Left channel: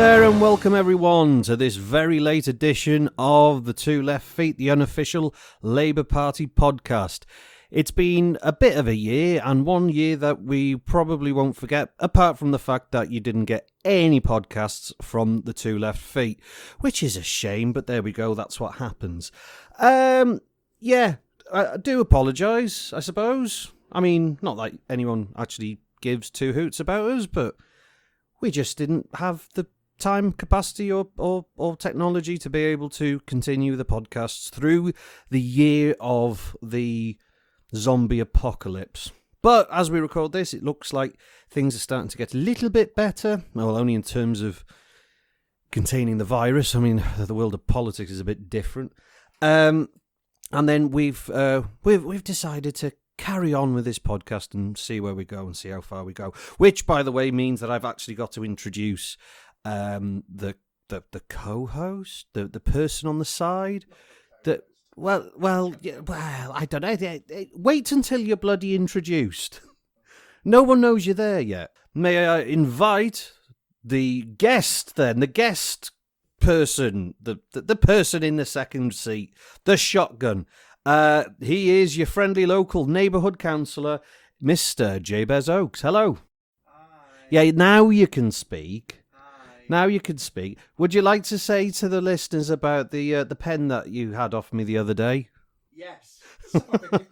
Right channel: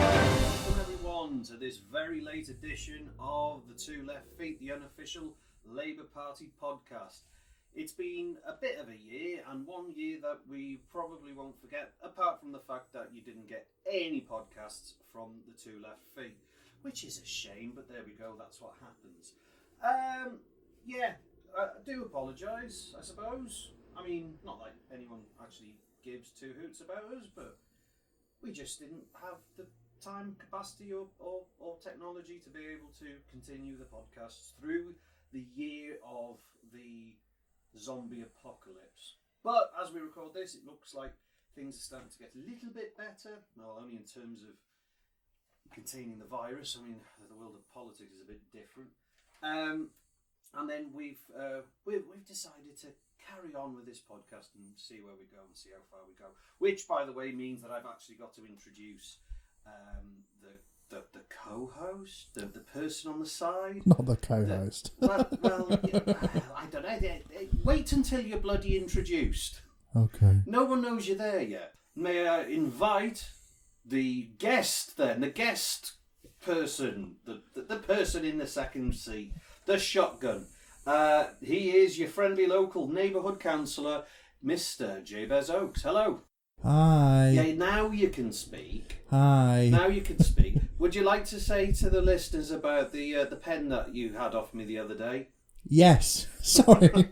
there and welcome everyone to this very late edition of the Two Left Feet, the unofficial Labour Party podcast. It's been a bit of a year, and one year that we probably won't forget, apart from the fact that you didn't get any podcasts from the Two Left Feet, which is a shame, but there we go, that's what happens. I do apologise, I suppose. I mean, not like anyone actually gives two hoots about us, but we just didn't have the time, capacity, or technology to be able to continue the podcasts through the year of the zombie apocalypse. But as we record this, it looks like things are starting to get a little bit better. Well, only in terms of containing the virus. I mean, the world of politics is a bit different. And then we've decided to carry on with this podcast and see where we go and see how far we go. Which, by the way, means that I've actually got to introduce the co-host, the person on the side. Not the co-host. Well, I don't know. Wait until you're bloody introduced. Okay. No one knows you're there yet. May I invite the guest then, the guest person, the person in the second seat, the shotgun. He is your friendly local neighbourhood councillor, Mr. Jabez Oakes. Hello. Hi. Yeah, now you can speak. Hi. Now you can speak. Would you like to say to the listeners about the pen that you had off me the other day? Yes. Sorry.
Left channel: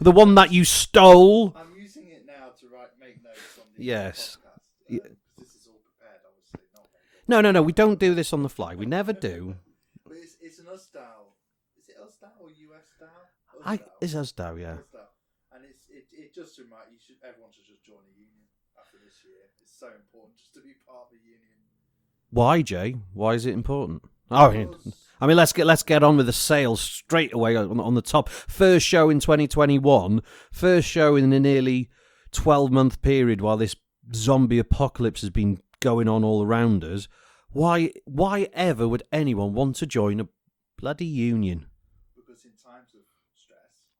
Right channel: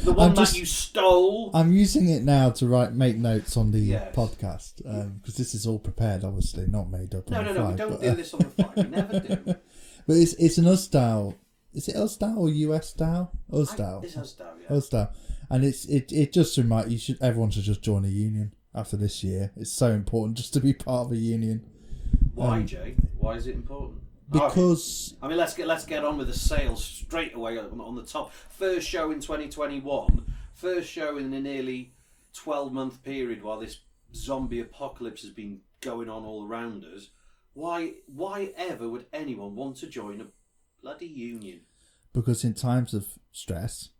The one that you stole. I'm using it now to make notes on the Yes. podcast because this is all prepared, obviously, not made up. No. We don't but, do this on the fly. We never do. But it's an USDAW. Is it USDAW or USDAW? USDAW. It's USDAW, yeah. USDAW. And it just reminds everyone should just join a union after this year. It's so important just to be part of a union. Why, Jay? Why is it important? Because I mean, let's get on with the sales straight away on the top. First show in 2021. First show in a nearly 12-month period while this zombie apocalypse has been going on all around us. Why ever would anyone want to join a bloody union? Because in times of stress,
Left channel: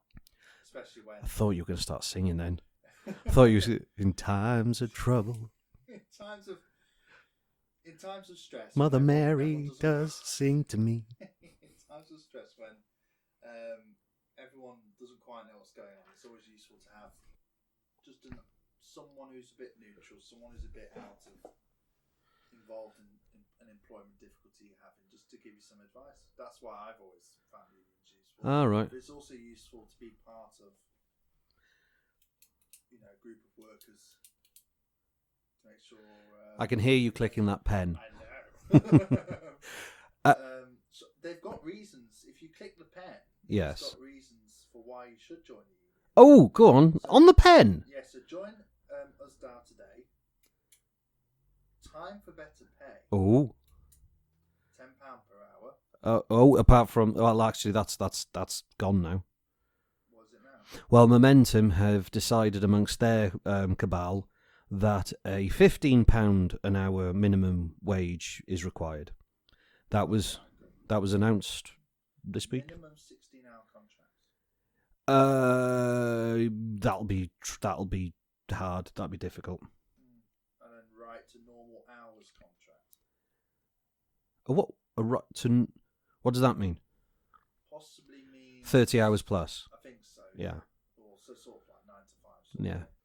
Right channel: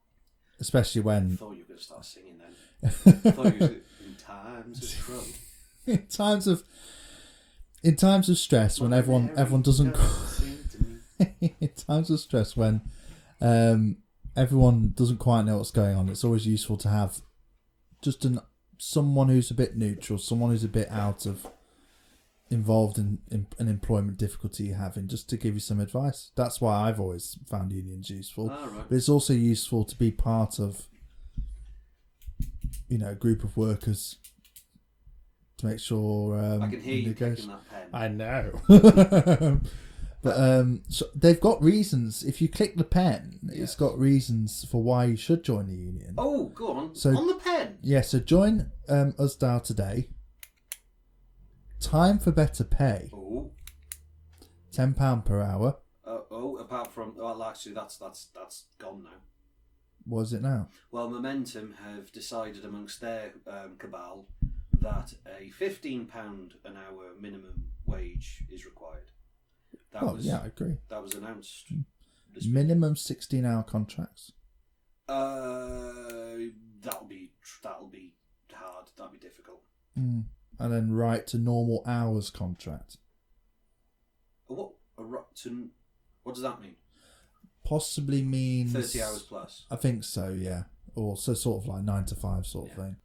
especially when... I thought you were going to start singing then. I thought you were in times of trouble. In times of stress, Mother when Mary everyone doesn't sing to me. In times of stress, when everyone doesn't quite know what's going on, it's always useful to have just someone who's a bit neutral, someone who's a bit involved in an employment difficulty you're having, just to give you some advice. That's why I've always found unions useful. All right. But it's also useful to be part of, a group of workers to make sure... I can hear you clicking that pen. I know. So they've got reasons. If you click the pen, Yes. It's got reasons for why you should join the union. Oh, go on. So- on the pen. Yeah, so join USDAW today. Time for better pay. Oh. £10 per hour. Apart from... Well, actually, that's gone now. What is it now? Well, Momentum have decided amongst their cabal that a £15 an hour minimum wage is required. Yeah, I agree. That was announced this week. Minimum 16-hour contracts. That'll be hard. That'll be difficult. And then right to normal hours contract. What does that mean? Possibly means 30 hours plus. I think so. Yeah. Or so sort of like 9 to 5 sort of thing.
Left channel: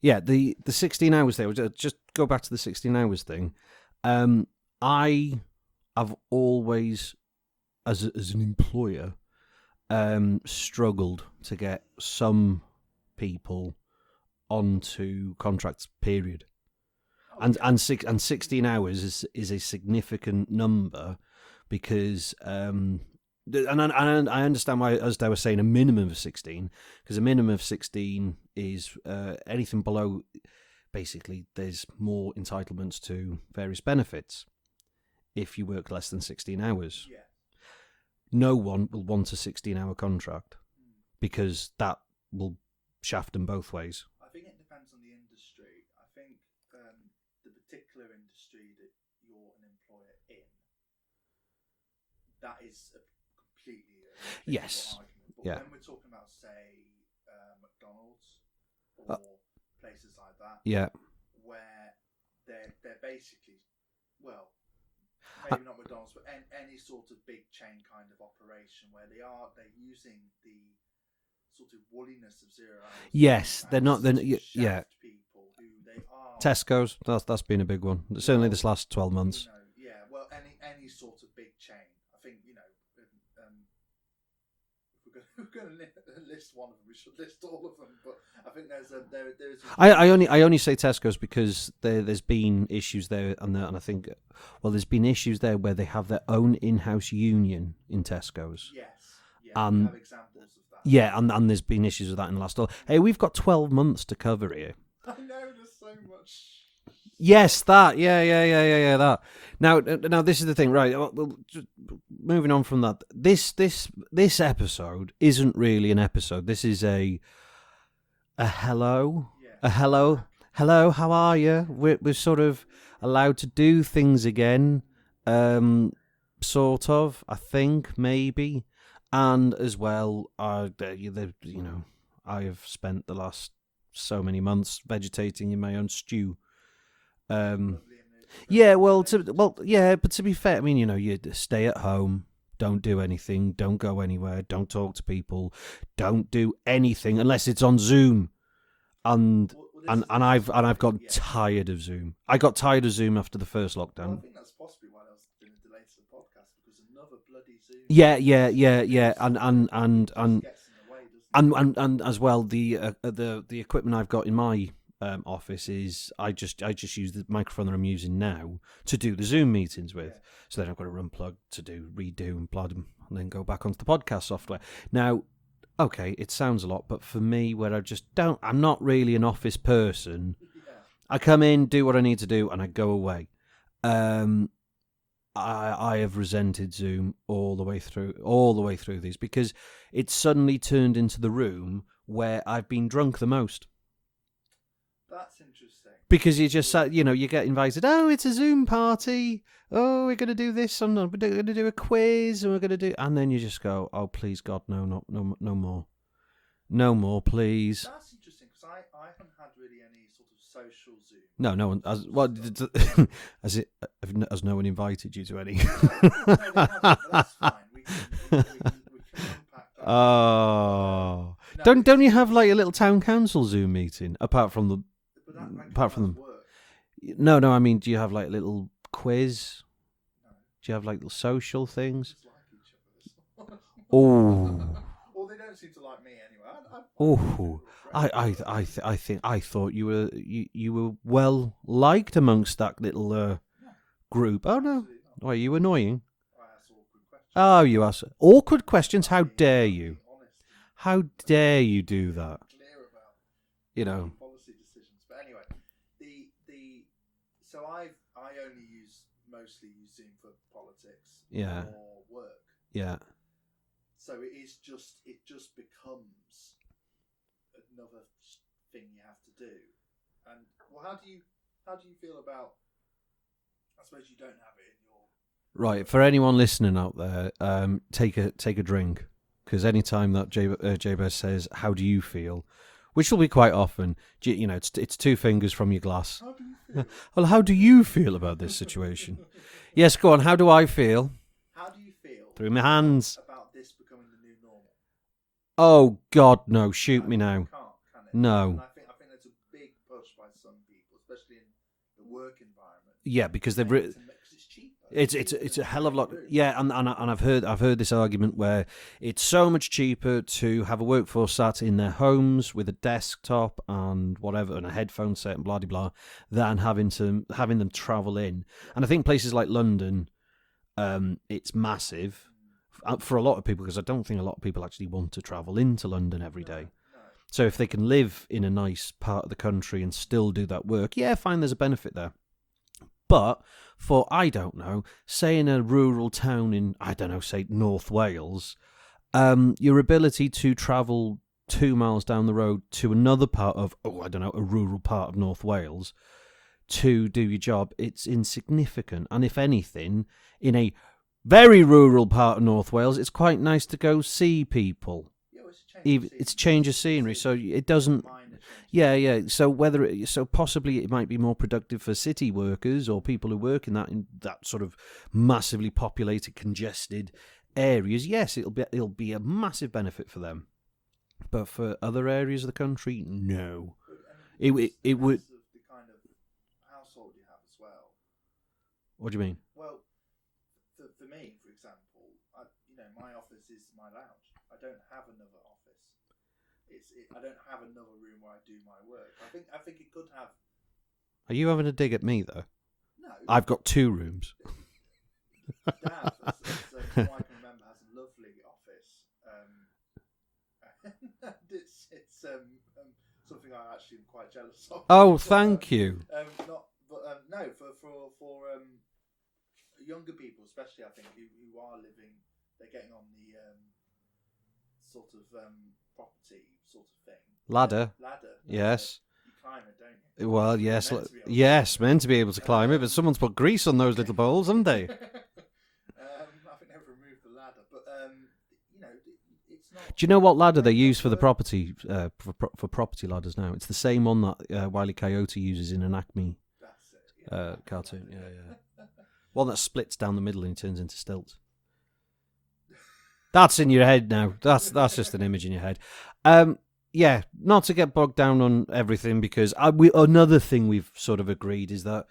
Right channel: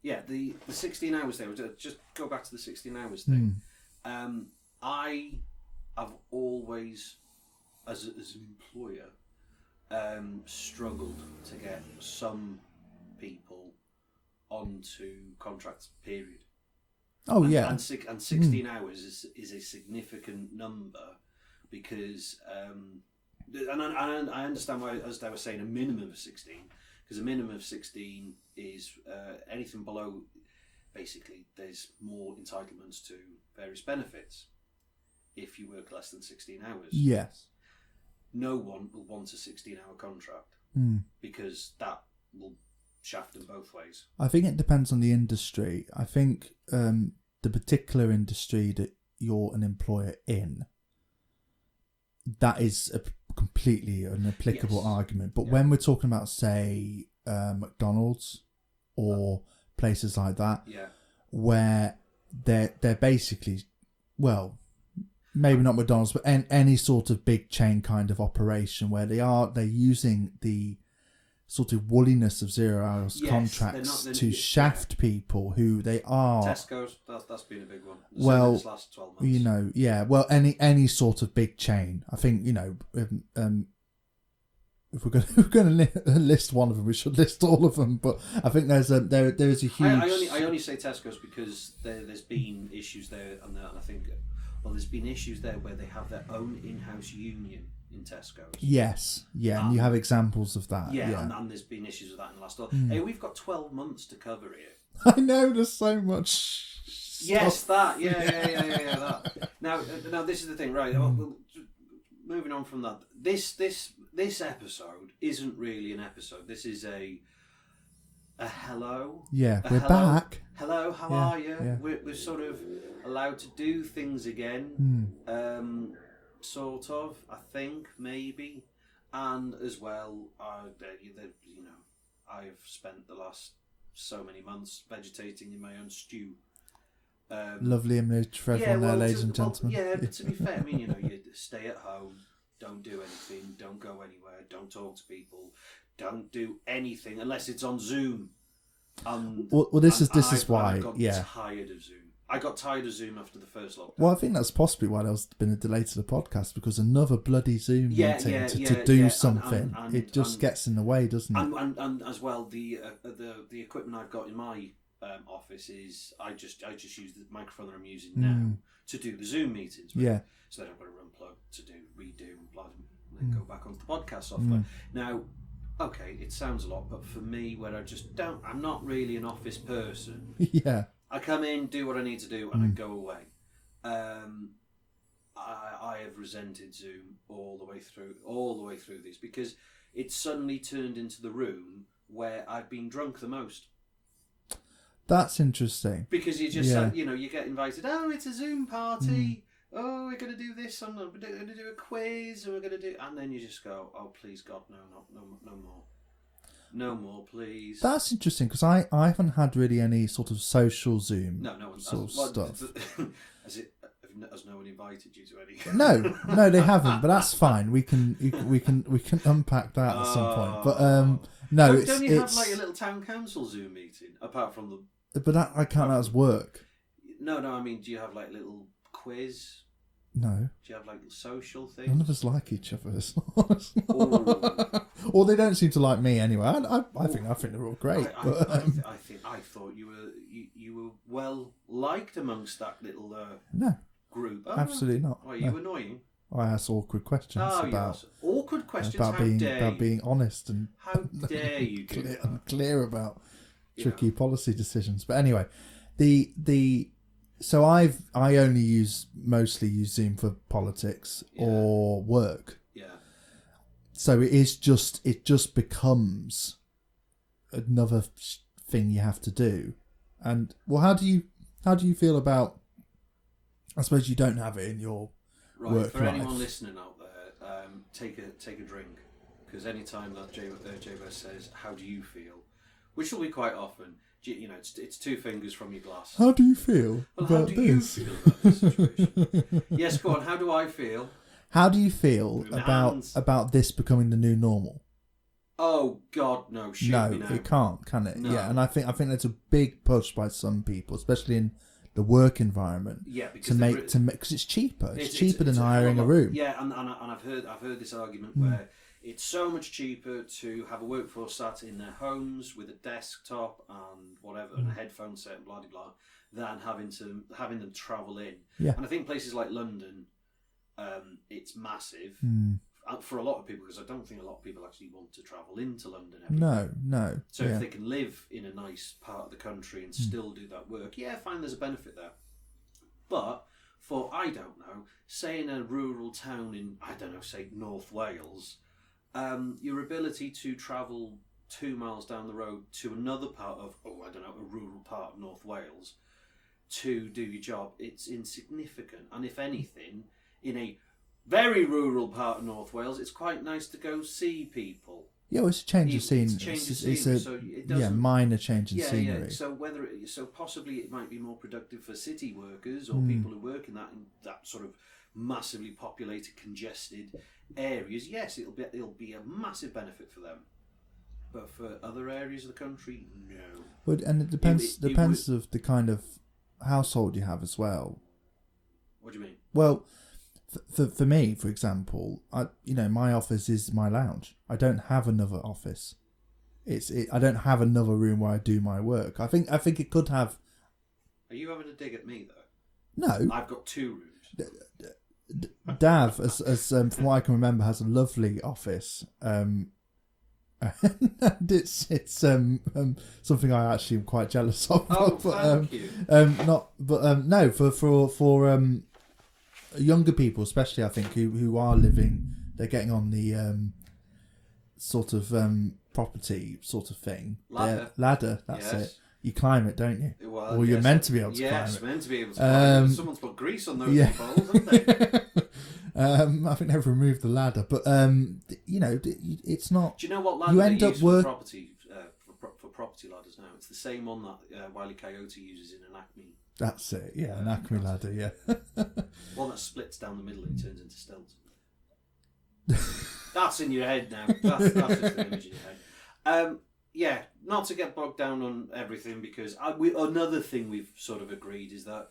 Yeah, the 16 hours there. Just go back to the 16 hours thing. I have always, as an employer, struggled to get some people onto contracts. Period. Oh, and, yeah. And 16 hours is a significant number because, and I understand why, as they were saying, a minimum of 16, because a minimum of 16 is anything below. Basically, there's more entitlements to various benefits if you work less than 16 hours. Yes. No one will want a 16-hour contract because that will shaft them both ways. I think it depends on the industry. I think the particular industry that you're an employer in, that is completely an applicable argument. But when we're talking about, say, McDonald's or places like that, yeah, where they're basically well, maybe not McDonald's, but any sort of big chain kind of operation where they're using the sort of woolliness of 0 hours contracts to shaft people who they are. Tesco's, that's been a big one. Certainly this last 12 months. Well, any sort of big chain. I think, if we're going to list one of them, we should list all of them. But I think there's a huge... I only say Tesco's because there's been issues there, and I think... Well, there's been issues there where they have their own in-house union in Tesco's. Yes, yeah, you have examples of that. Yeah. And there's been issues with that in the last... Hey, we've got 12 months to cover here. I know, there's so much... Yes, that. Yeah, that. Now, this is the thing, right? Well, moving on from that, this episode isn't really an episode. This is a hello. Yeah, a hello. Back. Hello, how are you? Yeah. We're sort of allowed to do things again, sort of. I think maybe, and as well, I have spent the last so many months vegetating in my own stew. Lovely image. Yeah, but to be fair, I mean, you stay at home, don't do anything, don't go anywhere, don't talk to people, don't do anything unless it's on Zoom. And I've got tired of Zoom. I got tired of Zoom after the first lockdown. Well, I think that's possibly why there's been a delay to the podcast, because another bloody Zoom. Yeah. And it just gets in the way, doesn't it? And as well, the equipment I've got in my office is I just use the microphone that I'm using now to do the Zoom meetings with. Yeah. So then I've got to unplug to redo and plod them, and then go back onto the podcast software. Now, okay, it sounds a lot, but for me, where I'm not really an office person. Yeah. I come in, do what I need to do, and I go away. I have resented Zoom all the way through these, because it's suddenly turned into the room where I've been drunk the most. That's interesting. Because you just, you get invited, oh, it's a Zoom party. Oh, we're going to do this. We're going to do a quiz. And we're going to do... And then you just go, oh, please, God, no more. No more, please. That's interesting, because I haven't had really any sort of social Zoom. No one... Has no one invited you to any? No, they haven't, but that's fine. We can unpack that at some point. But, don't you have like a little town council Zoom meeting, apart from the... But that I can't as work. No, I mean, do you have like a little quiz? No. Do you have like little social We things? just like each other. Oh. Or they don't seem to like me anyway. I think they're all great. I thought you were well liked amongst that little group. Oh, absolutely not. Were you annoying? I ask awkward questions. Oh, you ask awkward questions? How dare you? Being honest and how dare you do that? Clear about tricky policy decisions. But anyway, so I only mostly use Zoom for politics or work. Yeah. So it just becomes another thing you have to do. And well, how do you feel about? I suppose you don't have it in your right. For anyone listening out there, take a drink, because anytime that Jabez says, "How do you feel?" which will be quite often, it's two fingers from your glass. How do you feel? Well, how do you feel about this situation? Yes, go on. How do I feel? How do you feel about this becoming the new normal? Oh God, no! Shoot me now. It can't, can it? No. Yeah, and I think there's a big push by some people, especially in the work environment. Yeah, because because it's cheaper. It's cheaper than hiring a room. Yeah, and I've heard this argument where it's so much cheaper to have a workforce sat in their homes with a desktop and whatever and a headphone set and blah blah than having them travel in. Yeah. And I think places like London, it's massive for a lot of people, because I don't think a lot of people actually want to travel into London every day. No. So if they can live in a nice part of the country and still do that work, fine, there's a benefit there. But for, I don't know, say in a rural town in, say North Wales, your ability to travel 2 miles down the road to another part of, a rural part of North Wales to do your job, it's insignificant. And if anything, in a very rural part of North Wales, it's quite nice to go see people. Yeah, well, it's a change of scenery. It's a change of scenery, so it doesn't... minor change of scenery. Yeah. So possibly it might be more productive for city workers or people who work in that sort of massively populated, congested areas. Yes, it'll be a massive benefit for them. But for other areas of the country, no. But, and it depends of the kind of household you have as well. What do you mean? Well, for me, for example, my office is my lounge. I don't have another office. I don't have another room where I do my work. I think it could have. Are you having a dig at me though? No, I've got 2 rooms. Dav, as from what I can remember, has a lovely office. And it's something I actually am quite jealous of. Oh, thank you. No, for younger people, especially, I think, who are living, they're getting on the sort of property sort of thing. Ladder. That's yes. it. You climb it, don't you? Well, or yes. You're meant to be able to yes, climb it. meant to be able to climb it, but someone's put grease on those little balls, haven't they? I think they've removed the ladder, but it's not. Do you know what ladder they use for the property for property ladders now? It's the same one that Wile E. Coyote uses in an Acme. That's it, yeah, an Acme ladder, yeah. One that splits down the middle and turns into stilts. That's in your head now. That's just an image in your head. Yeah, not to get bogged down on everything, because another thing we've sort of agreed is that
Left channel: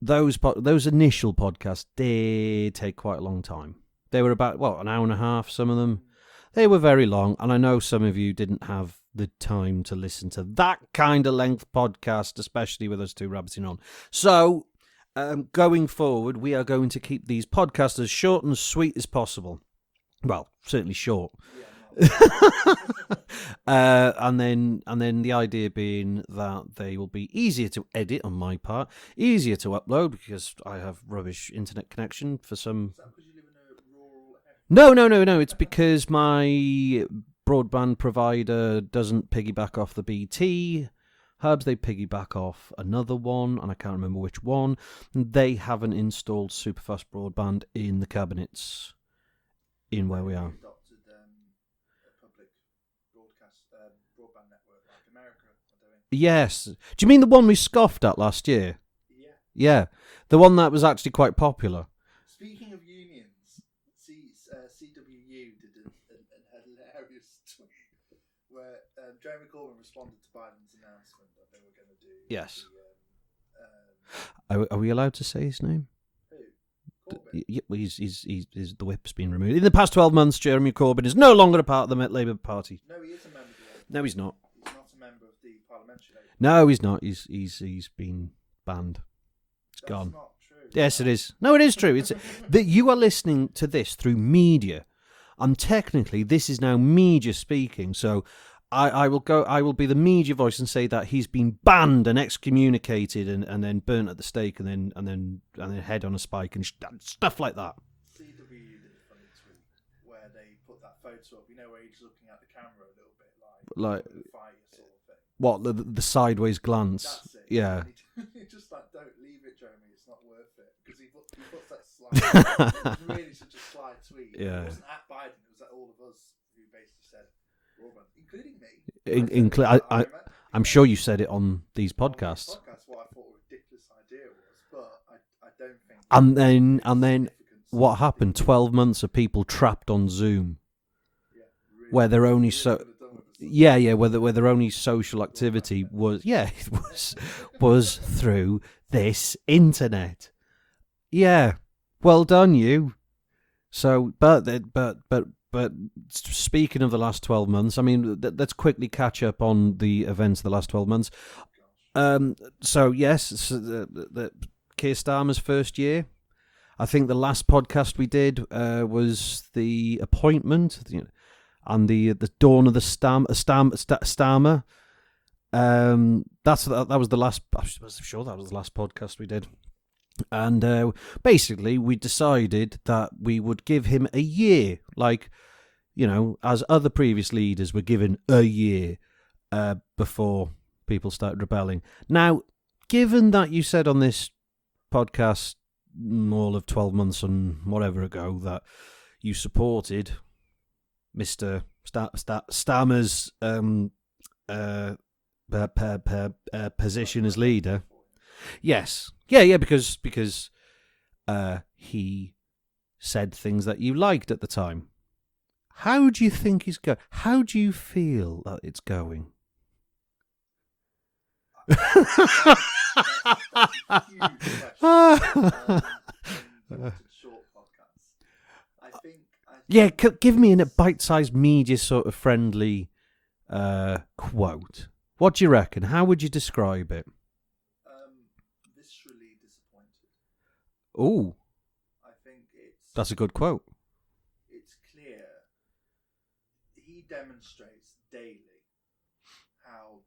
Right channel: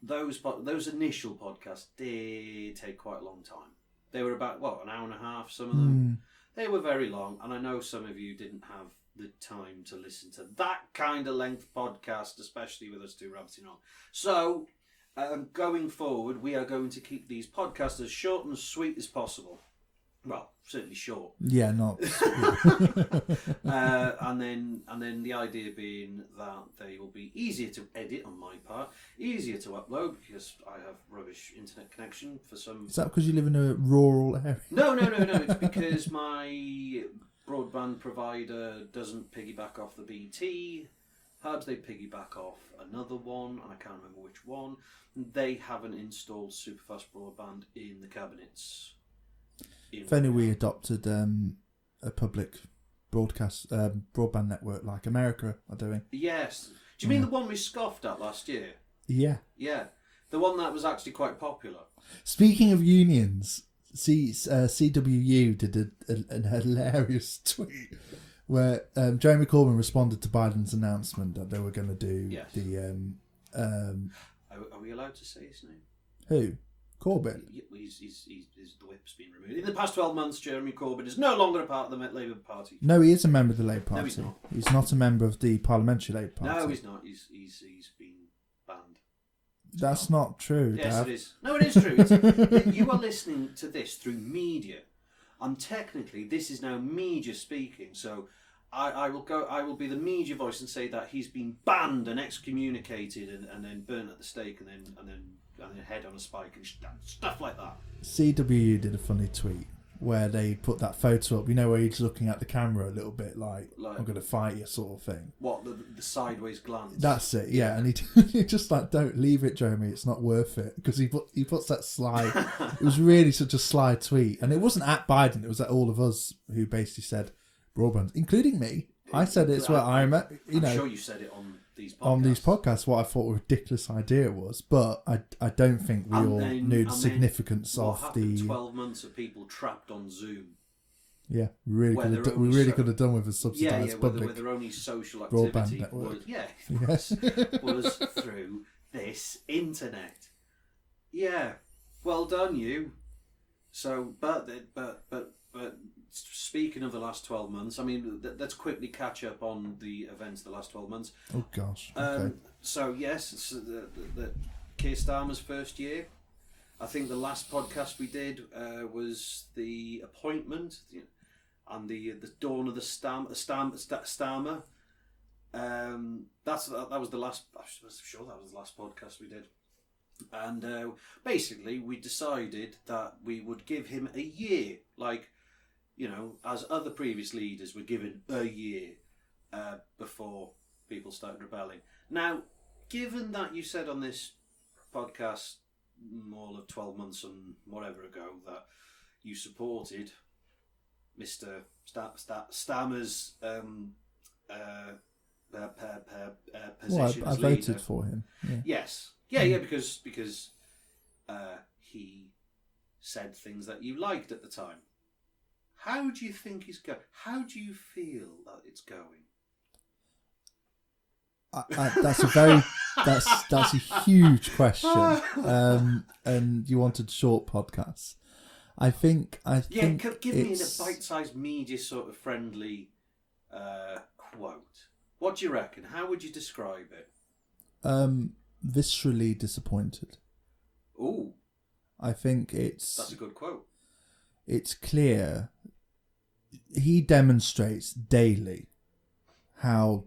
those initial podcasts did take quite a long time. They were about, an hour and a half, some of them. They were very long, and I know some of you didn't have the time to listen to that kind of length podcast, especially with us 2 rabbiting on. So, going forward, we are going to keep these podcasts as short and sweet as possible. Well, certainly short. Yeah, not. And then the idea being that they will be easier to edit on my part, easier to upload because I have rubbish internet connection for some. Is that because you live in a rural area? No. It's because my broadband provider doesn't piggyback off the BT hubs. They piggyback off another one, and I can't remember which one. They haven't installed superfast broadband in the cabinets. If only we adopted a public broadcast broadband network like America are doing. Yes. Do you mean the one we scoffed at last year? Yeah. Yeah. The one that was actually quite popular. Speaking of unions, CWU did a hilarious tweet where Jeremy Corbyn responded to Biden's announcement that they were going to do Are we allowed to say his name? Who? Corbyn? He's the whip's been removed. In the past 12 months, Jeremy Corbyn is no longer a part of the Labour Party. No, he is a member of the Labour Party. No, he's not. He's not a member of the Parliamentary Labour Party. No, he's not. He's been banned. That's not true. Yes, it is. No, it is true. It's that you are listening to this through media, and technically this is now media speaking. So I will be the media voice and say that he's been banned and excommunicated and then burnt at the stake and then head on a spike and stuff like that. CWU did a funny tweet where they put that photo up, where he's looking at the camera a little bit like I'm going to fight you sort of thing. What, the sideways glance? That's it, yeah. And he just don't leave it, Jeremy, it's not worth it. Because he puts that slide. It was really such a sly tweet. And it wasn't at Biden, it was at all of us who basically said, broadband, including me. I said I'm sure you said it on these podcasts. On these podcasts, what I thought a ridiculous idea it was, but I don't think. And then what happened? 12 months of people trapped on Zoom. Yeah, really. Where they're only could have done with a where their only social activity was through this internet. Yeah, well done, you. So, but speaking of the last 12 months, I mean, let's quickly catch up on the events of the last 12 months. Oh, gosh. Okay. So, yes, the Keir Starmer's first year. I think the last podcast we did was the appointment and the dawn of the Starmer. That was the last. I'm sure that was the last podcast we did. And basically, we decided that we would give him a year, as other previous leaders were given a year before people started rebelling. Now, given that you said on this podcast all of 12 months and whatever ago that you supported Mr. Starmer's position as leader. Voted for him. Yeah. Yes, yeah, because he said things that you liked at the time. How do you think he's going? How do you feel that it's going? That's a huge question. And you wanted short podcasts. I think give me a bite-sized, media sort of friendly quote. What do you reckon? How would you describe it? Viscerally disappointed. Oh, I think that's a good quote. It's clear he demonstrates daily how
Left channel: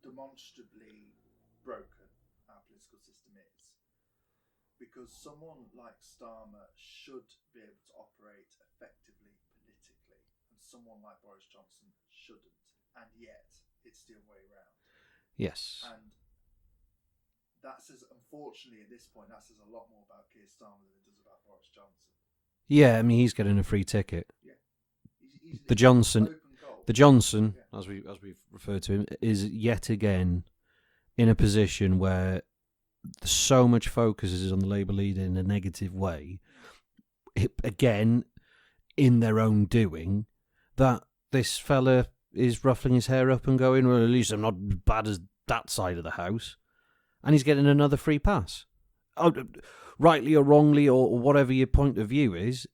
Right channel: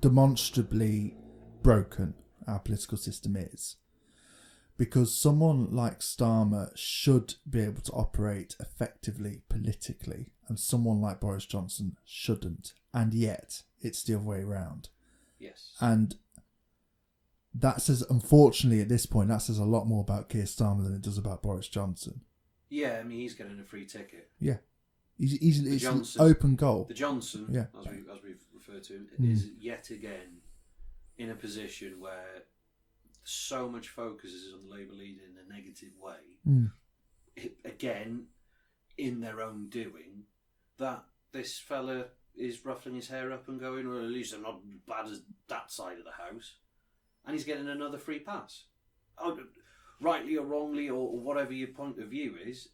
demonstrably broken our political system is. Because someone like Starmer should be able to operate effectively politically, and someone like Boris Johnson shouldn't. And yet, it's the other way around. Yes. And that says, unfortunately, at this point, that says a lot more about Keir Starmer than it does about Boris Johnson. Yeah, I mean, he's getting a free ticket. Yeah. He's the Johnson open goal. The Johnson, yeah. as we refer to him, is yet again in a position where so much focus is on the Labour leader in a negative way. Again, in their own doing, that this fella is ruffling his hair up and going, well, at least I'm not as bad as that side of the house. And he's getting another free pass. Rightly or wrongly, or whatever your point of view is,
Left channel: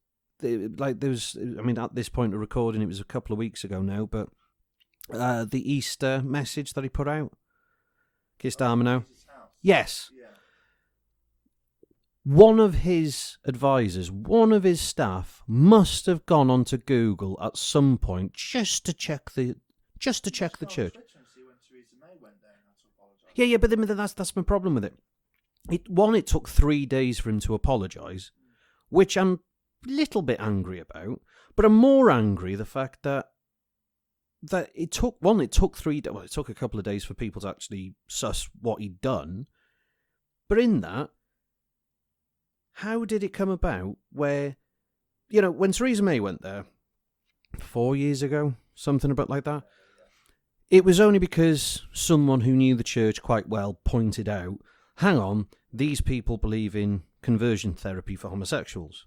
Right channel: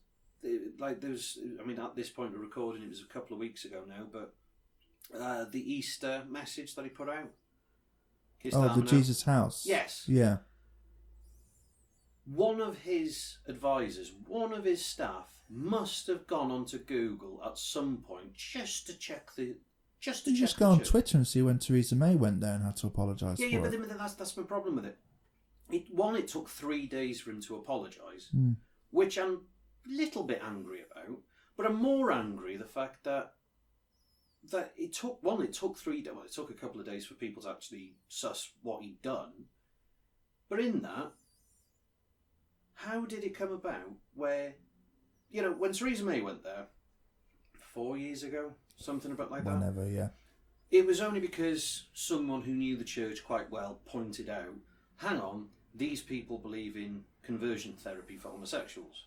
at this point of recording, it was a couple of weeks ago now, but the Easter message that he put out, Jesus' house. Yes. Yeah. One of his advisors, one of his staff, must have gone onto Google at some point just to check the church. Go on Twitter and see when Theresa May went there and had to apologise. Yeah, but that's my problem with it. It took 3 days for him to apologise, which I'm a little bit angry about. But I'm more angry the fact that it took 3 days. Well, it took a couple of days for people to actually suss what he'd done. But in that, how did it come about where, when Theresa May went there 4 years ago, something about like that? Never, yeah. It was only because someone who knew the church quite well pointed out, hang on, these people believe in conversion therapy for homosexuals.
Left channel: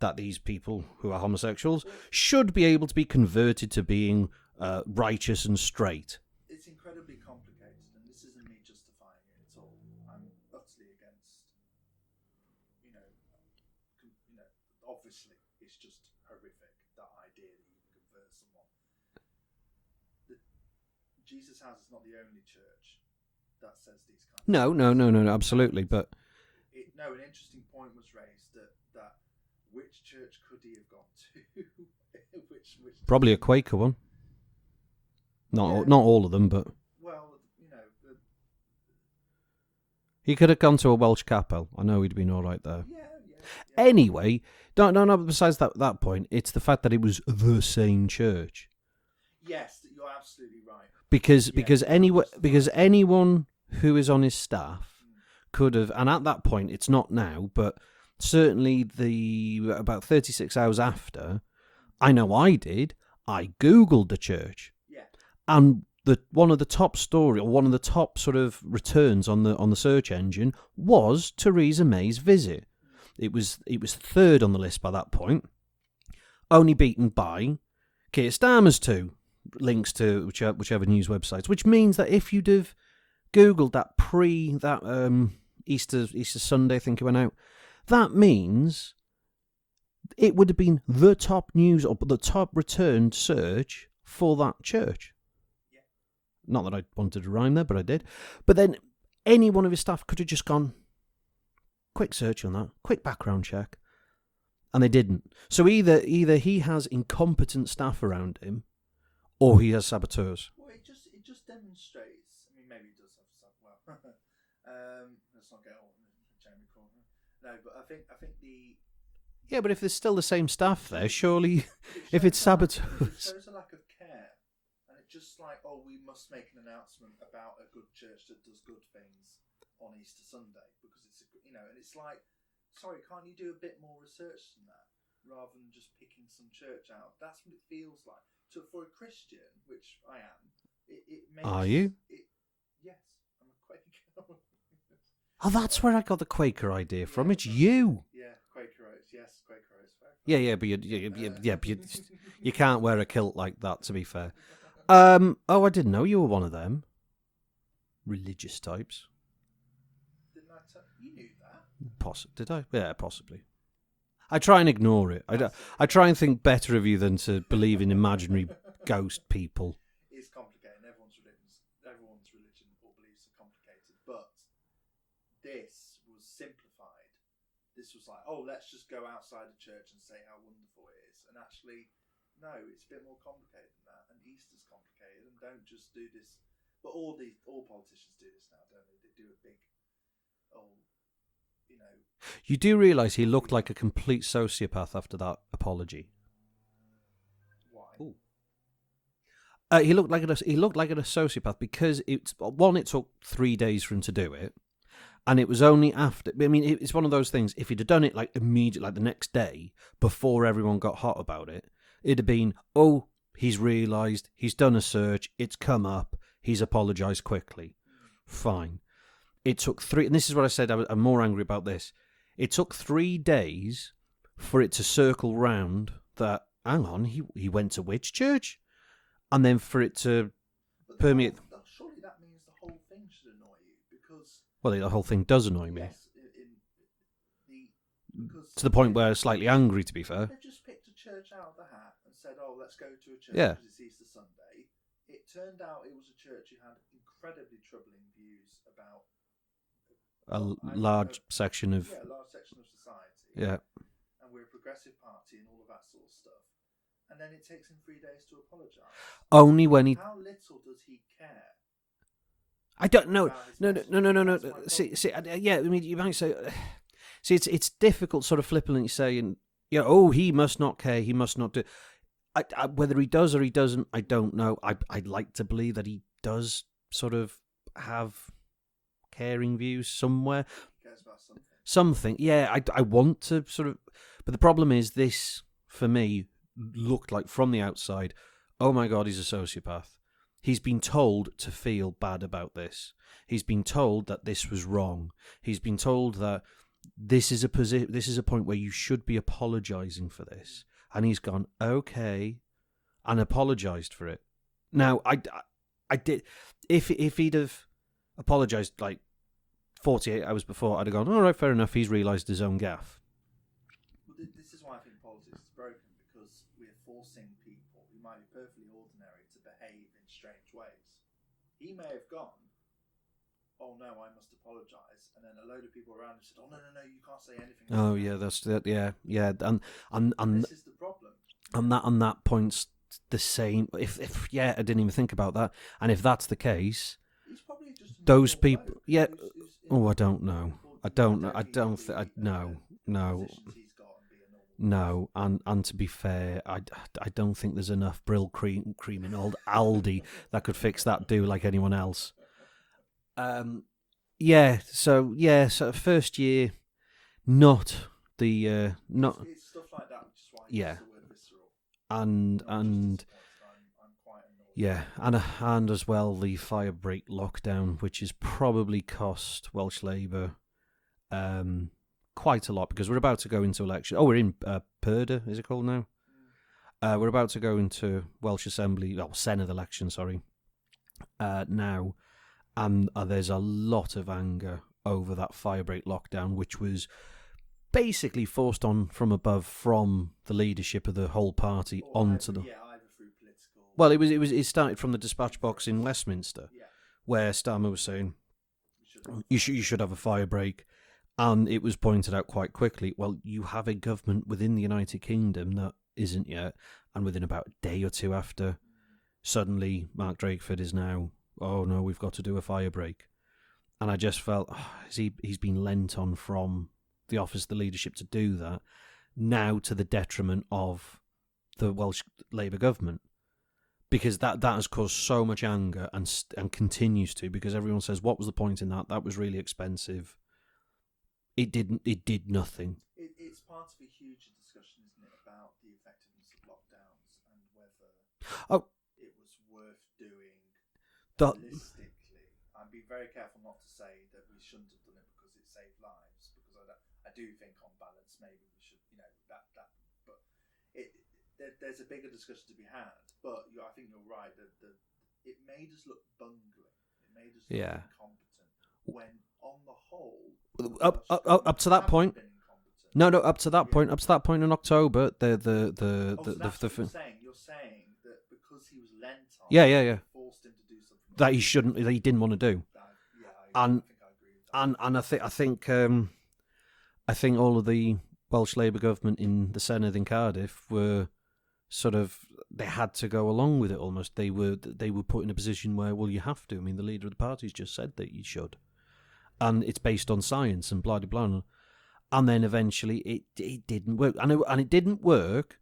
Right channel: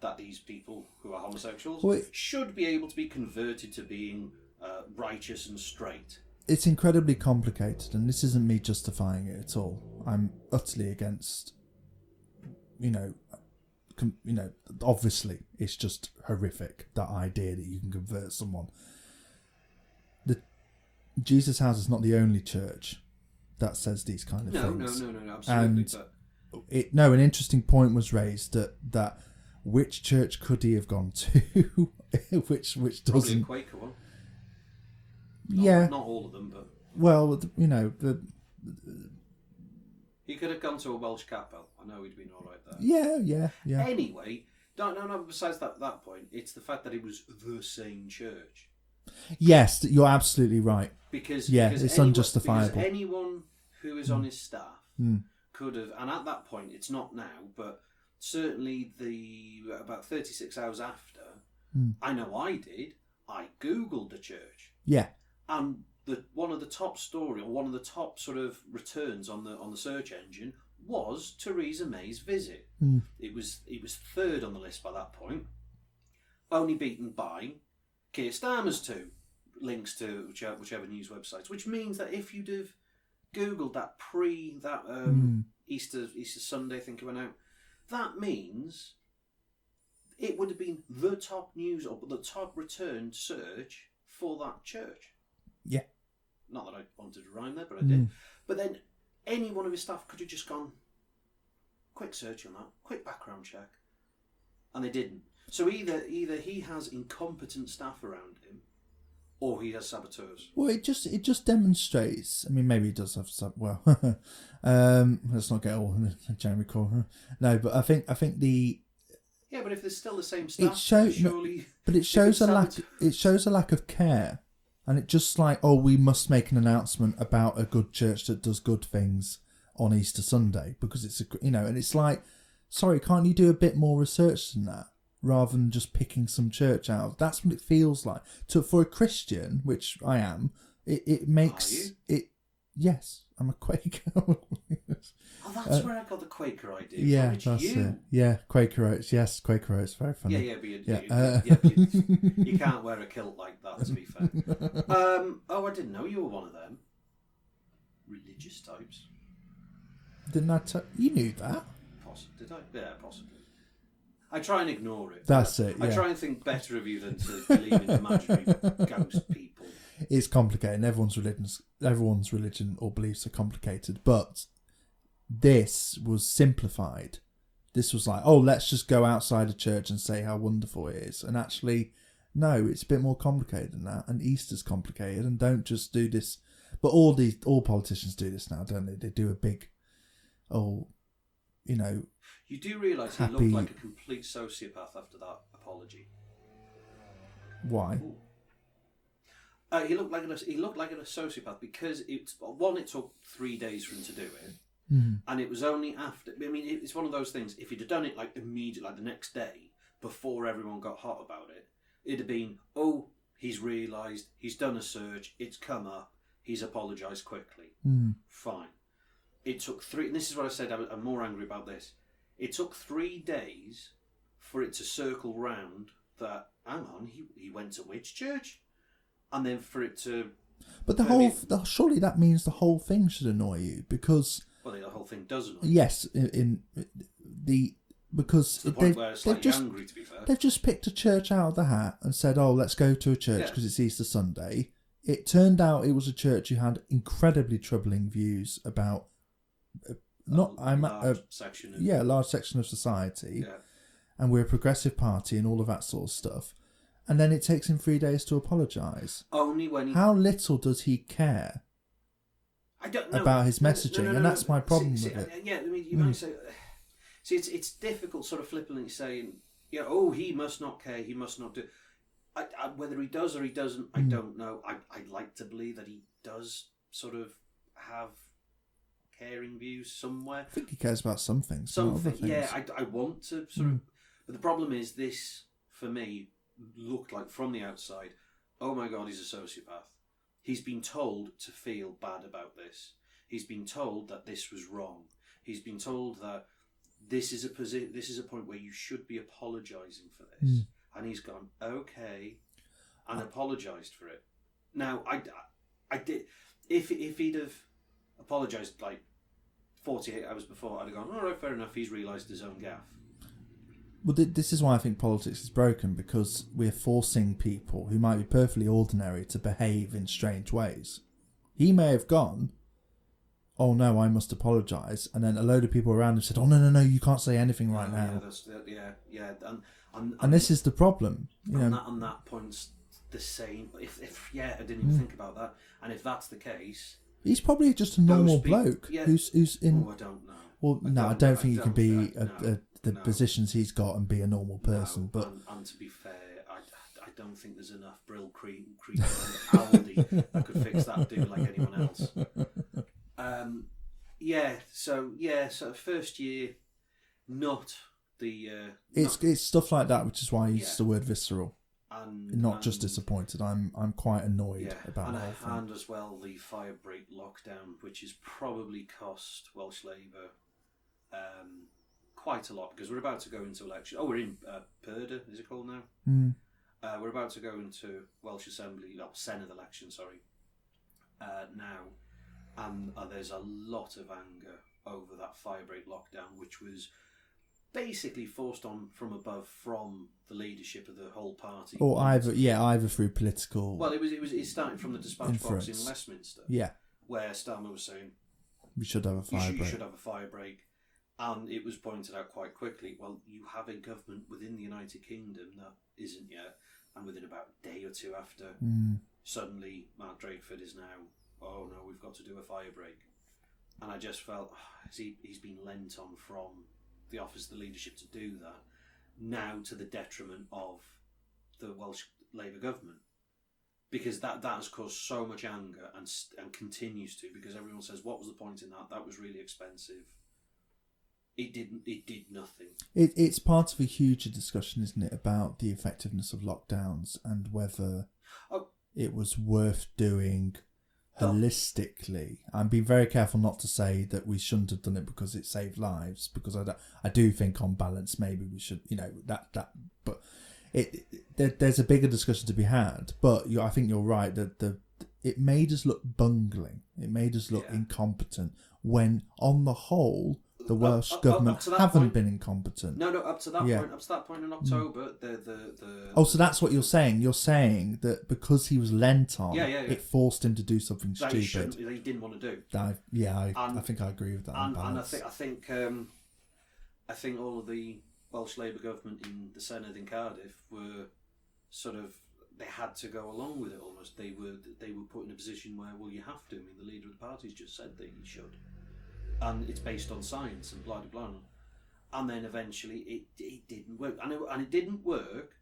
That these people who are homosexuals should be able to be converted to being righteous and straight. It's incredibly complicated, and this isn't me justifying it at all. I'm utterly against, obviously it's just horrific, that idea that you can convert someone. The Jesus House is not the only church that says these kind of things. No, absolutely. And an interesting point was raised that which church could he have gone to? which probably a Quaker one. Not all of them, but he could have gone to a Welsh capel. I know he'd been all right there. Yeah. Anyway, no. Besides that point, it's the fact that it was the same church. Yes, you're absolutely right. Because anyone who is on his staff could have, and at that point, it's not now, but certainly about 36 hours after, I know I did. I Googled the church. Yeah, and one of the top sort of returns on the search engine was Theresa May's visit. It was third on the list by that point, only beaten by Keir Starmer's 2 links to whichever news websites. Which means that if you'd have Googled that Easter Sunday, I think it went out, that means it would have been the top news or the top returned search for that church. Yeah. Not that I wanted to rhyme there, but I did. But then any one of his staff could have just gone, quick search on that, quick background check. And they didn't. So either he has incompetent staff around him, or he has saboteurs. Well, it just demonstrates. I mean, maybe he does have some. Well, let's not get all Jeremy Corbyn. No, but I think the. Yeah, but if there's still the same staff there, surely. But it shows a lack of care, and it just like, we must make an announcement about a good church that does good things on Easter Sunday because it's and it's like, sorry, can't you do a bit more research than that? rather than just picking some church out. That's what it feels like. For a Christian, which I am, it makes... Are you? Yes, I'm a Quaker. Oh, that's where I got the Quaker idea from. It's that's you. Yeah, Quaker Oats. Yes, Quaker Oats. Very funny. Yeah, but you can't wear a kilt like that, to be fair. I didn't know you were one of them. Religious types. Didn't I you knew that? Did I? Yeah, possibly. I try and ignore it. That's it. I try and think better of you than to believe in imaginary ghost people. It's complicated. Everyone's religion or beliefs are complicated, but this was simplified. This was like, oh, let's just go outside a church and say how wonderful it is. And actually, no, it's a bit more complicated than that. And Easter's complicated. And don't just do this. But all politicians do this now, don't they? They do a big, You do realise he looked like a complete sociopath after that apology. Why? He looked like a sociopath because it took 3 days for him to do it. And it was only after... I mean, it's one of those things. If he'd have done it like immediately, like the next day, before everyone got hot about it, it'd have been, he's realised, he's done a search, it's come up, he's apologised quickly. Fine. It took 3... And this is what I said, I'm more angry about this. It took 3 days for it to circle round that, hang on, he went to which church? And then for it to... But surely that means the whole thing should annoy you, because... Well, the whole thing does annoy me. Yes, because to the point where I'm slightly angry, to be fair. They've just picked a church out of the hat and said, let's go to a church because it's Easter Sunday. It turned out it was a church who had incredibly troubling views about a large section of society. Yeah. And we're a progressive party and all of that sort of stuff. And then it takes him 3 days to apologise. Only when he... How little does he care? I don't know about his messaging. No. That's my problem. I mean, you might say, it's difficult, sort of flippantly saying, he must not care, he must not do. Whether he does or he doesn't, I don't know. I'd like to believe that he does sort of have caring views somewhere. I think he cares about something. Something, yeah. I want to sort of, but the problem is this for me looked like from the outside. Oh my God, he's a sociopath. He's been told to feel bad about this. He's been told that this was wrong. He's been told that this is a point where you should be apologising for this. And he's gone, okay, and apologised for it. Now, I did. If he'd have apologised like 48 hours before, I'd have gone, all right, fair enough. He's realised his own gaffe. Well, this is why I think politics is broken, because we're forcing people who might be perfectly ordinary to behave in strange ways. He may have gone, oh no, I must apologise, and then a load of people around him said, oh no, you can't say anything right now. Yeah, that's that. Yeah, and this is the problem. And that point's the same. If I didn't even think about that. And if that's the case, he's probably just a normal bloke. Yeah. Who's in, I don't know. Well, I don't think he can be the positions he's got and be a normal person. No, and to be fair, I don't think there's enough Brill cream old Aldi that could fix that do like anyone else. So first year, not the... It's stuff like that, which is why I use the word visceral. And just disappointed. I'm quite annoyed. Yeah, and as well the fire break lockdown, which has probably cost Welsh Labour quite a lot, because we're about to go into election. Oh, we're in Purda, is it called now? We're about to go into Welsh Assembly, Senedd election, now, and there's a lot of anger over that firebreak lockdown, which was basically forced on from above from the leadership of the whole party. Or either through political. Well, it started from the dispatch box in Westminster. Yeah, where Starmer was saying we should have you should have a firebreak. And it was pointed out quite quickly, well, you have a government within the United Kingdom that isn't yet, and within about a day or two after, suddenly Mark Drakeford is now, oh no, we've got to do a firebreak. And I just felt, he's been lent on from the office of the leadership to do that, now to the detriment of the Welsh Labour government. Because that has caused so much anger and continues to, because everyone says, what was the point in that? That was really expensive. it did nothing. It's part of a huger discussion, isn't it, about the effectiveness of lockdowns and whether it was worth doing holistically. I'm being very careful not to say that we shouldn't have done it because it saved lives, because I do think on balance maybe we should, but there's a bigger discussion to be had. But I think you're right that it made us look bungling. It made us look incompetent when, on the whole, the Welsh government up to that haven't point, been incompetent. No, up to that point. Up to that point in October, so that's what you're saying. You're saying that because he was lent on, it forced him to do something that he didn't want to do. I think I agree with that. And I think all of the Welsh Labour government in the Senedd in Cardiff were sort of, they had to go along with it almost. They were put in a position where, well, you have to. I mean, the leader of the party's just said that you should. And it's based on science and blah, blah, blah. And then eventually it didn't work. And it didn't work,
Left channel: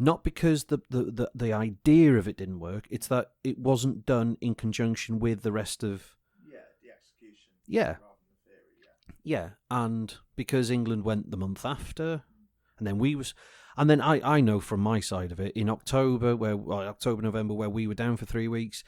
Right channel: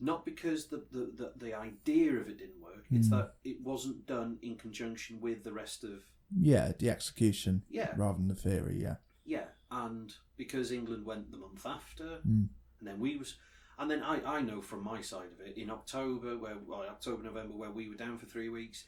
not because the idea of it didn't work. It's that it wasn't done in conjunction with the rest of... Yeah, the execution. Yeah. Rather than the theory, yeah. Yeah, and because England went the month after, and then we was... And then I know from my side of it, in October, November, where we were down for 3 weeks,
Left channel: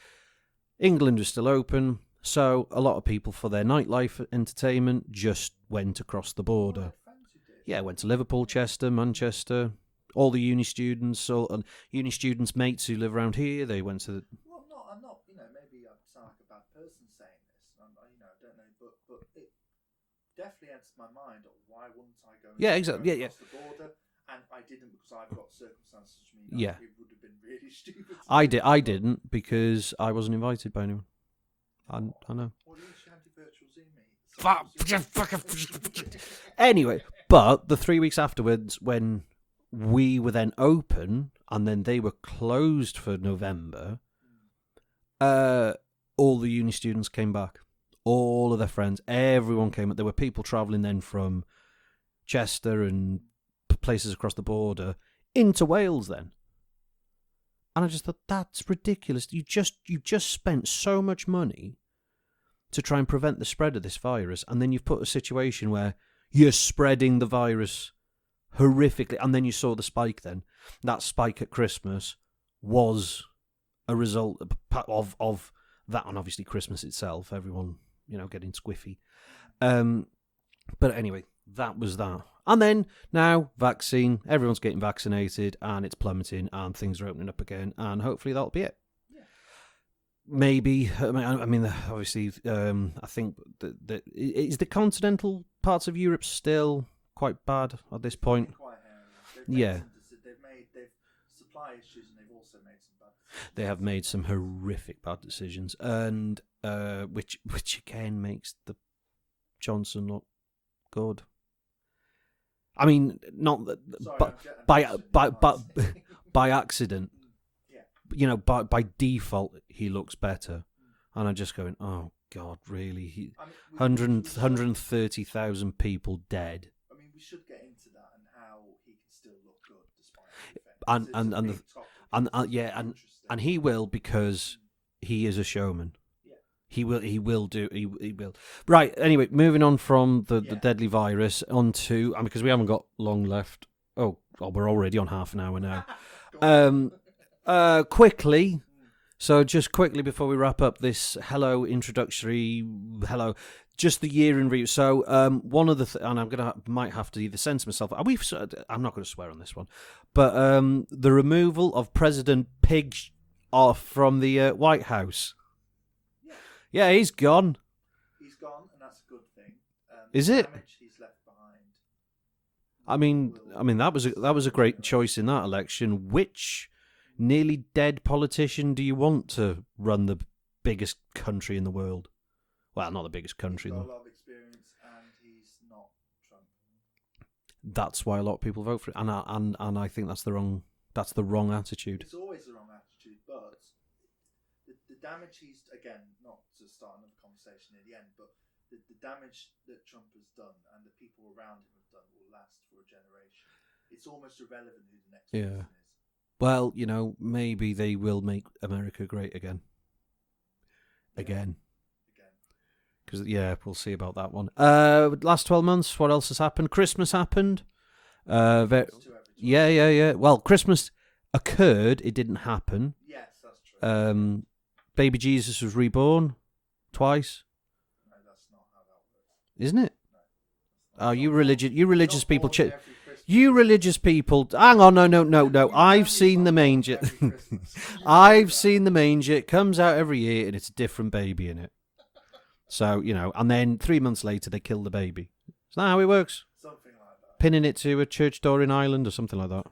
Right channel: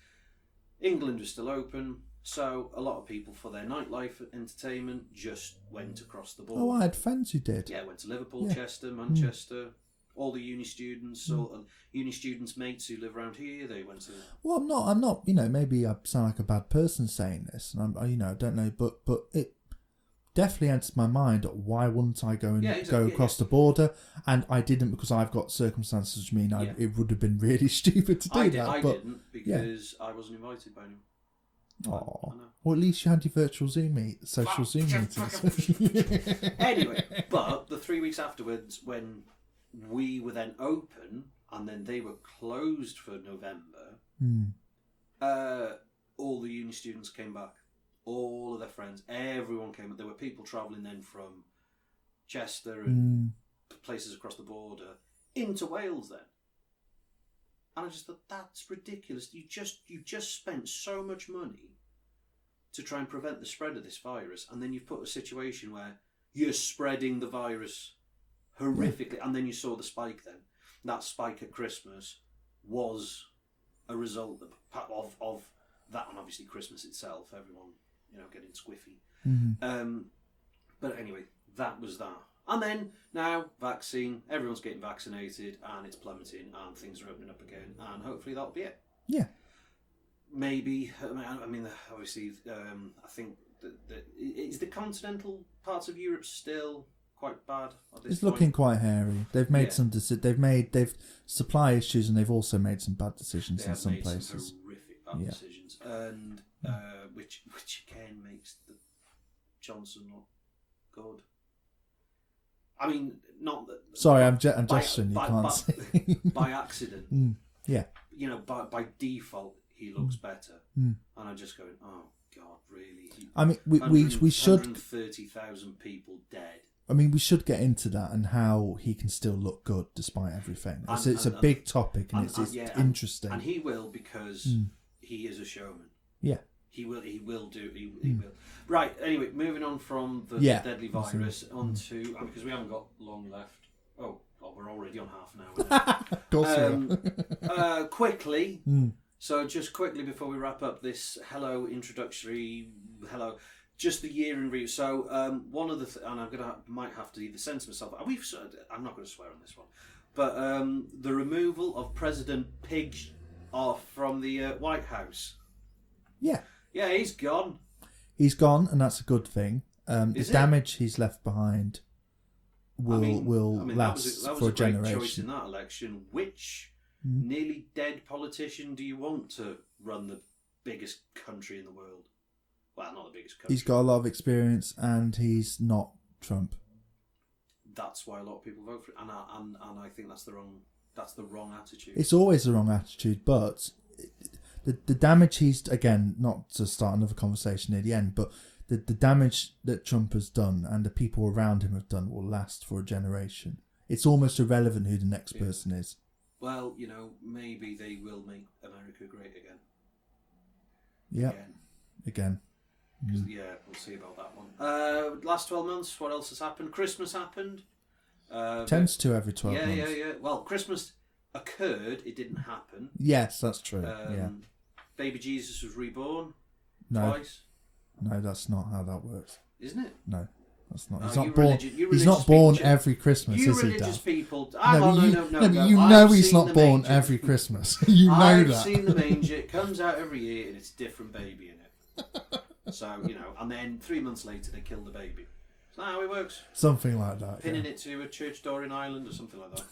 England was still open, so a lot of people for their nightlife entertainment just went across the border. Oh, I had friends who did. Yeah, went to Liverpool, Chester, Manchester, all the uni students, and uni students' mates who live around here, they went to... Well, I'm not, maybe I sound like a bad person saying this, and I don't know, but it definitely enters my mind, why wouldn't I go and go across the border? And I didn't, because I've got circumstances which mean it would have been really stupid to do that. I didn't, because I wasn't invited by anyone. I know. Well, at least you had your virtual Zoom social Zoom meetings. Anyway, but the 3 weeks afterwards, when we were then open, and then they were closed for November, all the uni students came back. All of their friends, everyone came up. There were people travelling then from Chester and places across the border into Wales then. And I just thought, that's ridiculous. You just spent so much money to try and prevent the spread of this virus, and then you've put a situation where you're spreading the virus horrifically. And then you saw the spike then. That spike at Christmas was a result of that, and obviously Christmas itself, everyone, getting squiffy. But anyway, that was that. And then now, vaccine, everyone's getting vaccinated, and it's plummeting, and things are opening up again, and hopefully that'll be it. Yeah. Maybe, I mean, obviously, I think that is the continental parts of Europe still quite bad at this point. It's looking quite hairy. They've made some they've supply issues, and they've also made some bad decisions. They have made some horrific bad decisions, and which again makes the Johnson look good. I mean, not that. Sorry, I'm by accident. By default, he looks better, and I'm just going, oh God, really? I mean, we should 130,000 people dead. I mean, we should get into that and how he can still look good despite everything. It's a big topic, and it's interesting. And he will, because he is a showman. Yeah. He will will. Right, anyway, moving on from the deadly virus onto, because we haven't got long left. Oh, we're already on half an hour now. Quickly, so just quickly before we wrap up this introductory hello, just the year in review. So one of the and might have to either censor myself. I'm not going to swear on this one, but the removal of President Pig from the White House. Yeah, he's gone. He's gone, and that's a good thing. The damage he's left behind. That was a great choice in that election. Which nearly dead politician do you want to run the biggest country in the world? Well, not the biggest country. He's got a lot of experience, and he's not Trump. That's why a lot of people vote for it, and I think that's the wrong attitude. It's always the wrong attitude, but the damage he's, again, not to start another conversation near the end, but the damage that Trump has done and the people around him have done will last for a generation. It's almost irrelevant who the next person is. Well, maybe they will make America great again. Again. Because we'll see about that one. Last 12 months, what else has happened? Christmas happened. Tends to every 12 months. Yeah. Well, Christmas occurred. It didn't happen. Yes, that's true. Baby Jesus was reborn twice. No, that's not how that works. Isn't it? No, that's not. Oh, you religious he's people. Not born every Christmas. You religious people. Hang on, no. I've seen the manger every Christmas. I've seen the manger. It comes out every year, and it's a different baby in it. So and then 3 months later they kill the baby. Is that how it works? Something like that. Pinning it to a church door in Ireland or something like that.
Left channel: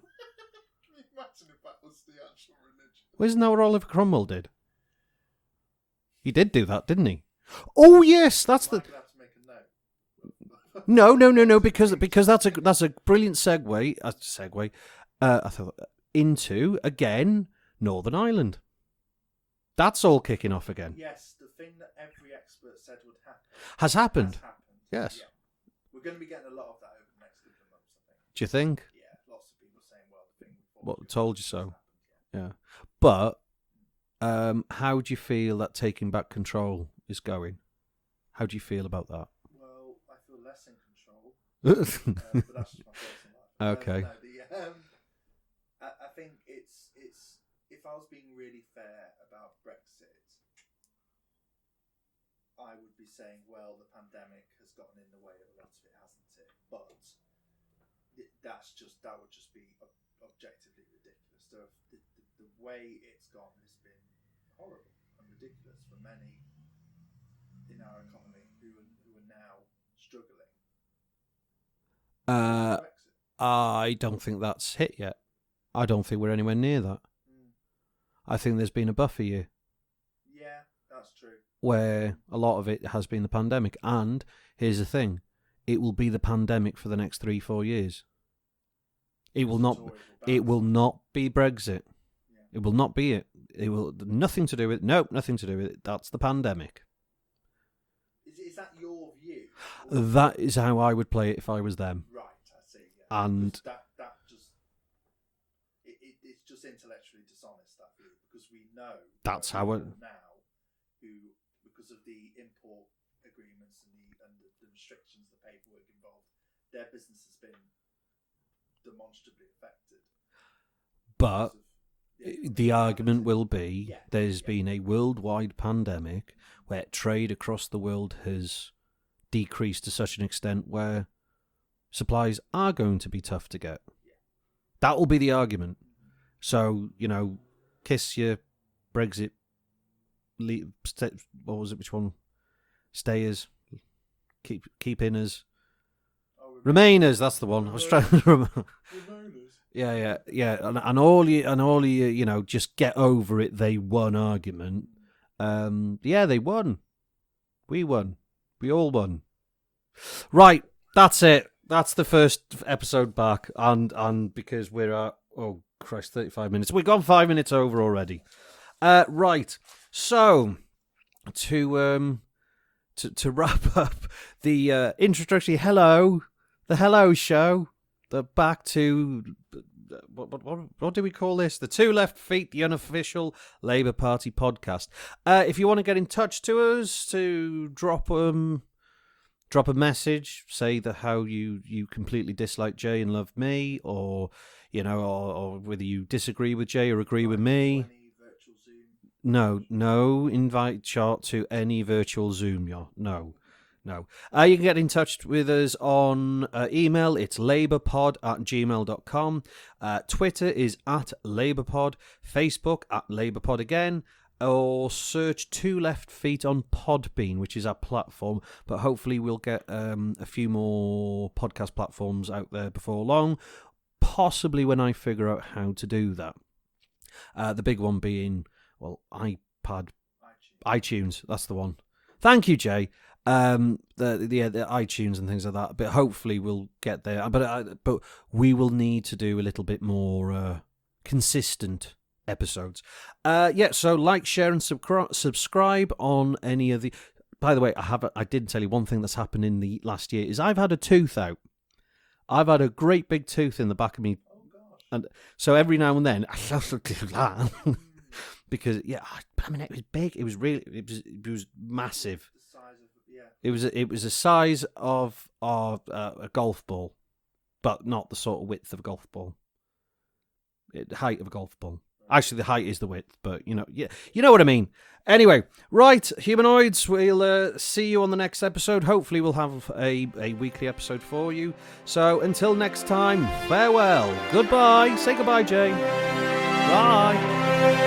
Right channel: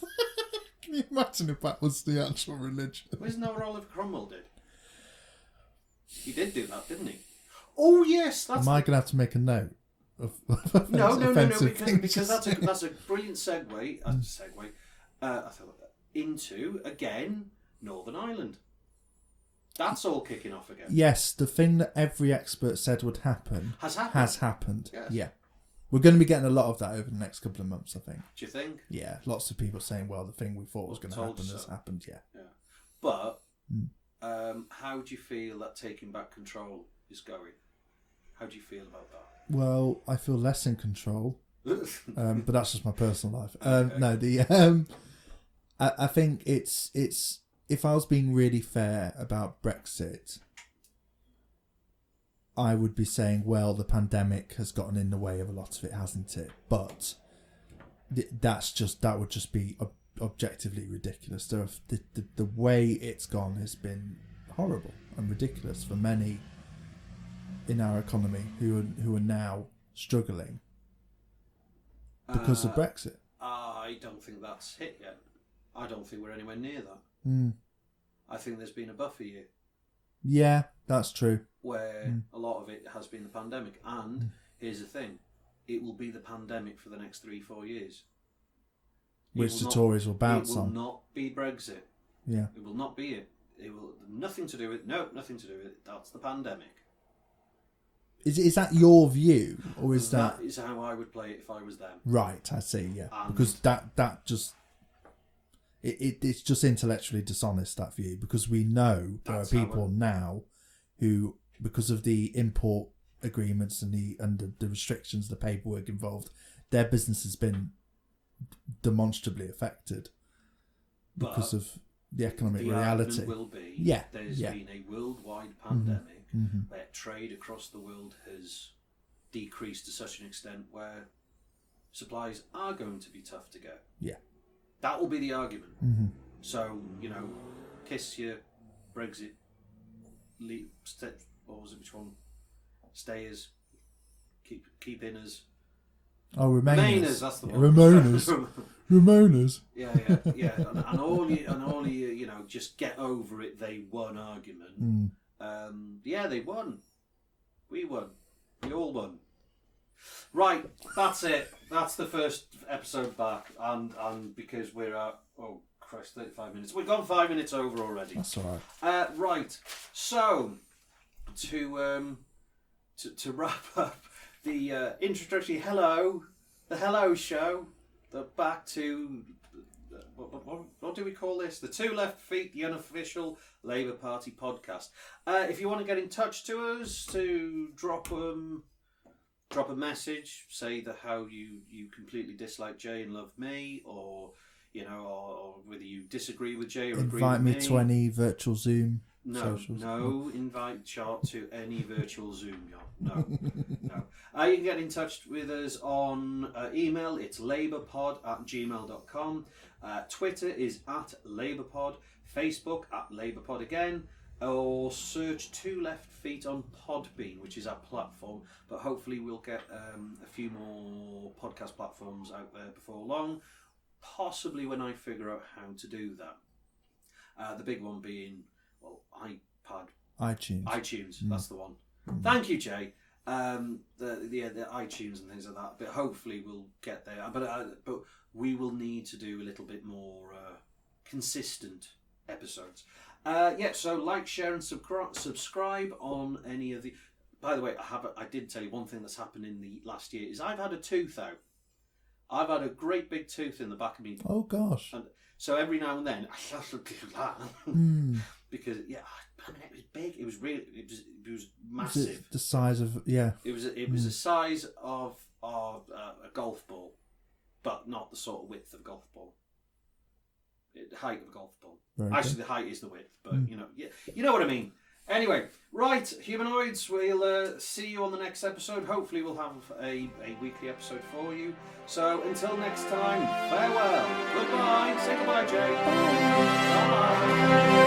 Can you imagine if that was the actual religion? Well, isn't that what Oliver Cromwell did? He did do that, didn't he? Oh yes, that's. Am I gonna have to make a note? No, because that's a brilliant segue. I thought into again Northern Ireland. That's all kicking off again. Yes, the thing that every expert said would happen has happened. Has happened. Yes. Yeah. We're going to be getting a lot of that over the next couple of months, I think. Do you think? Yeah, lots of people saying, "Well, the thing we thought was going to happen has happened." Yeah. But how do you feel that taking back control is going? How do you feel about that? Well, I feel less in control, but that's just my personal life. Okay. I think it's if I was being really fair about Brexit, I would be saying, well, the pandemic has gotten in the way of a lot of it, hasn't it? But that would just be objectively ridiculous. The way it's gone has been horrible and ridiculous for many in our economy who are now struggling because of Brexit. I don't think that's hit yet. I don't think we're anywhere near that. I think there's been a buffer year. Yeah, that's true. Where a lot of it has been the pandemic. And here's the thing. It will be the pandemic for the next 3-4 years. Which the Tories will bounce on. It will not be Brexit. Yeah. It will not be it. It will nothing to do with it. Nope, nothing to do with it. That's the pandemic. Is that your view? Or is that is how I would play it if I was them. Right, I see, yeah. And because that just... It's just intellectually dishonest, that view, because we know there are people now who, because of the import agreements and the restrictions, the paperwork involved, their business has been demonstrably affected because of the economic reality. Argument will be there's been a worldwide pandemic where trade across the world has decreased to such an extent where supplies are going to be tough to get. Yeah. That will be the argument. So, kiss your Brexit. What was it? Which one? Stayers. Keep inners. Oh, Remainers. That's the one. Remainers. Yeah. And all you, just get over it. They won argument. They won. We won. We all won. Right. That's it. That's the first episode back, and because we're at 35 minutes. We've gone 5 minutes over already. That's all right. Right. So to wrap up the introductory the hello show, back to what do we call this? The Two Left Feet, the unofficial Labour Party podcast. If you want to get in touch to us, to drop a message, say how you completely dislike Jay and love me, or or whether you disagree with Jay or agree with me. Invite me to any virtual Zoom. No, invite Chart to any virtual Zoom. No. You can get in touch with us on email. It's labourpod@gmail.com. Twitter is @labourpod. Facebook @labourpod again. Or search Two Left Feet on Podbean, which is our platform. But hopefully we'll get a few more podcast platforms out there before long. Possibly when I figure out how to do that. The big one being, iPad. iTunes, that's the one. Thank you, Jay. The iTunes and things like that. But hopefully we'll get there. But we will need to do a little bit more consistent episodes. So like, share and subscribe on any of the... By the way, I didn't tell you one thing that's happened in the last year is I've had a tooth out. I've had a great big tooth in the back of me. Oh gosh. And so every now and then I have to do that because I mean it was big. It was really it was massive. The size of It was the size of a golf ball, but not the sort of width of a golf ball. The height of a golf ball. Right. Actually, the height is the width, but you know what I mean. Anyway, right, humanoids, we'll see you on the next episode. Hopefully we'll have a weekly episode for you. So until next time, farewell, goodbye, say goodbye, Jane. Bye.